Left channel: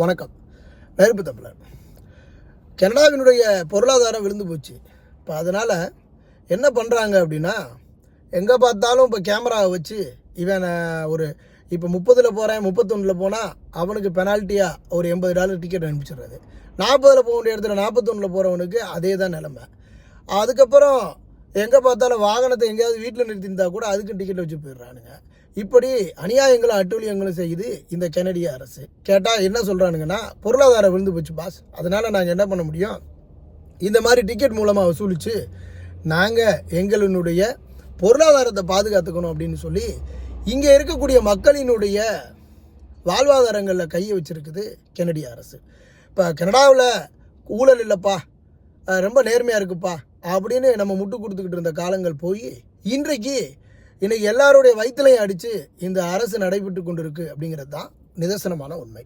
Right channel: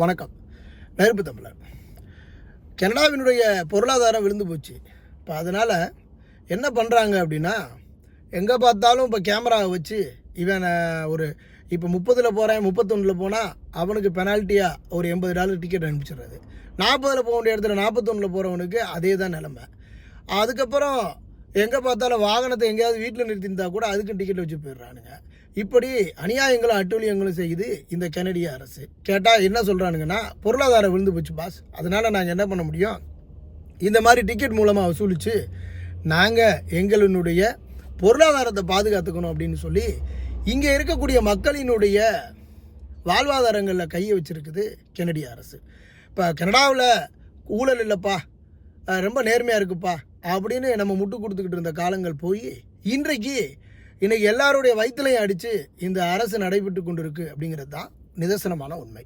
வணக்கம். நெருப்பு தமிழர். கனடாவினுடைய பொருளாதாரம் விழுந்து போச்சு. இப்போ அதனால் என்ன பண்ணுறாங்க அப்படின்னா, எங்கே பார்த்தாலும் இப்போ கேமராவை வச்சு இவன் இப்போ 30ல் போகிறேன் 31ல் போனால் அவனுக்கு பெனால்ட்டியாக ஒரு $80 டிக்கெட் அனுப்பிச்சிடுறது. 40ல் போக வேண்டிய இடத்துல 41ல் போகிறவனுக்கு அதே தான் நிலைமை. அதுக்கப்புறம் எங்கே பார்த்தாலும் வாகனத்தை எங்கேயாவது வீட்டில் நிறுத்தியிருந்தால் கூட அதுக்கும் டிக்கெட் வச்சு போயிடுறானுங்க. இப்படி அநியாயங்களும் அட்டூழியங்களும் செய்யுது இந்த கனடிய அரசு. கேட்டால் என்ன சொல்கிறானுங்கன்னா, பொருளாதாரம் விழுந்து போச்சு பாஸ், அதனால் நாங்கள் என்ன பண்ண முடியும், இந்த மாதிரி டிக்கெட் மூலமாக வசூலித்து நாங்கள் எங்களுடைய பொருளாதாரத்தை பாதுகாத்துக்கணும் அப்படின்னு சொல்லி இங்கே இருக்கக்கூடிய மக்களினுடைய வாழ்வாதாரங்களில் கையை வச்சுருக்குது கனடிய அரசு. இப்போ கனடாவில் ஊழல் இல்லைப்பா, ரொம்ப நேர்மையாக இருக்குப்பா அப்படின்னு நம்ம முட்டு கொடுத்துக்கிட்டு இருந்த காலங்கள் போய் இன்றைக்கு எல்லாருடைய வயிற்றுலையும் அடித்து இந்த அரசு நடைபெற்று கொண்டு இருக்கு அப்படிங்கிறது தான் நிதர்சனமான உண்மை.